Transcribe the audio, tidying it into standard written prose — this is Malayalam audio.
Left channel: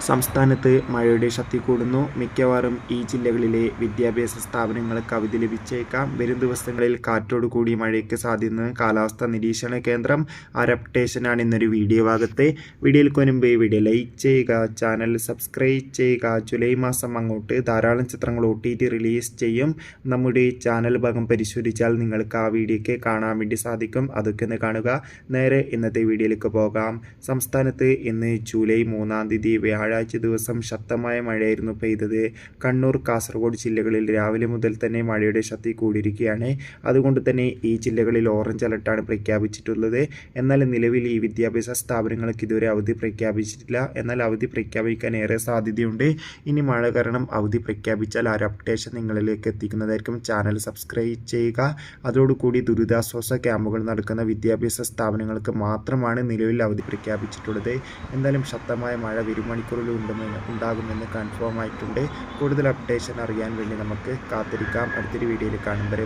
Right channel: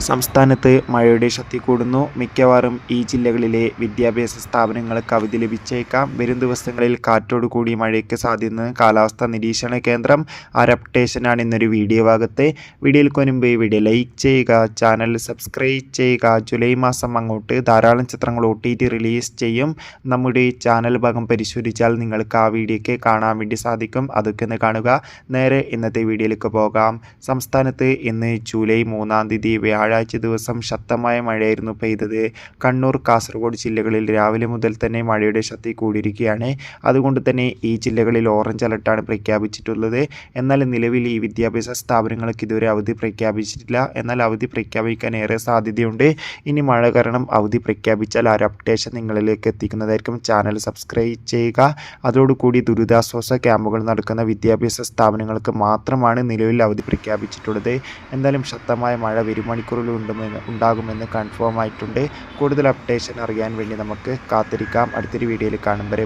സംസ്ഥാനത്ത് മഴയുടെ ശക്തി കൂടുന്നു. മിക്കവാറും ഈ ജില്ലകളിലെ വിദ്യാഭ്യാസ സ്ഥാപനങ്ങൾക്ക് അവധി ലഭിച്ചേക്കാം. വരും ദിവസങ്ങളിൽ കാറ്റോടുകൂടി മഴയ്ക്ക് സാധ്യതയെന്ന് കാലാവസ്ഥാ നിരീക്ഷണ കേന്ദ്രം. ആ ഒരു അപ്ഡേഷനാണ് ഇന്നൊരു വീഡിയോ ഭാഗത്ത്. വീഡിയോയ്ക്ക് മുൻപ് വീഡിയോ ലൈക്ക് ചെയ്യുക, ചാനൽ സബ്സ്ക്രൈബ് ചെയ്യുക. ജൂലൈ മാസം അങ്ങോട്ട് ധാരാളം ചിത്രങ്ങൾ OTT റിലീസ് ചെയ്യും. നമ്മുടെ ചാനൽ ഭാഗം പരിശോധിച്ചാൽ നിങ്ങൾക്ക് ആ വീഡിയോയ്ക്ക് കാണാൻ വേണ്ടി സാധിക്കും. അതൊക്കെ ഒന്ന് കാണുക. നേരെ ഇന്നത്തെ വീഡിയോയിലേക്ക് പോകാം. സംസ്ഥാനത്ത് ഇന്ന് ജൂലൈ 3 വ്യാഴാഴ്ച ദിവസം ശക്തമായ മഴയായിരുന്നു പെയ്തത്. കണ്ണൂർ, കാസർഗോഡ് ജില്ലകളിൽ രാവിലെ മുതൽ തന്നെ മഴയുടെ ശക്തി കൂടിയിരിക്കുകയാണ്. അതുകൊണ്ട് തന്നെ ഈ ജില്ലകളിൽ ഓറഞ്ച് അലർട്ടാണ് പ്രഖ്യാപിച്ചിട്ടുള്ളത്. എന്നാൽ നിലവിൽ ഈ വിദ്യാഭ്യാസ സ്ഥാപനങ്ങൾക്ക് ഇതുവരെ അവധി പ്രഖ്യാപിച്ചിട്ടില്ല. എന്നാൽ അവധി പ്രഖ്യാപിക്കാൻ ഏറെ സാധ്യതയുണ്ട്. ഇനി മഴ കാരണം അവധി പ്രഖ്യാപിച്ചാൽ ആ ഒരു അപ്ഡേഷൻ നിങ്ങളിലേക്ക് എത്തിക്കുന്നതായിരിക്കും. ചാനൽ സബ്സ്ക്രൈബ് ചെയ്യുക. അതോടുകൂടി ദുരിതാശ്വാസ ക്യാമ്പുകൾ നടക്കുന്ന വിദ്യാഭ്യാസ സ്ഥാപനങ്ങൾക്ക് മാത്രമാണ് നിലവിൽ അവധി പ്രഖ്യാപിച്ചിട്ടുള്ളത്. എന്തായാലും ശക്തമായ മഴ വരും മണിക്കൂറിൽ ഉണ്ടാകുമെന്ന് കൺഫേം ആയിട്ടുണ്ട്. കൂടുതൽ അപ്ഡേഷൻ അറിയാൻ വേണ്ടി നമുക്ക് കാത്തിരിക്കാം. അടുത്തൊരു വീഡിയോയിൽ കാണും വരെ.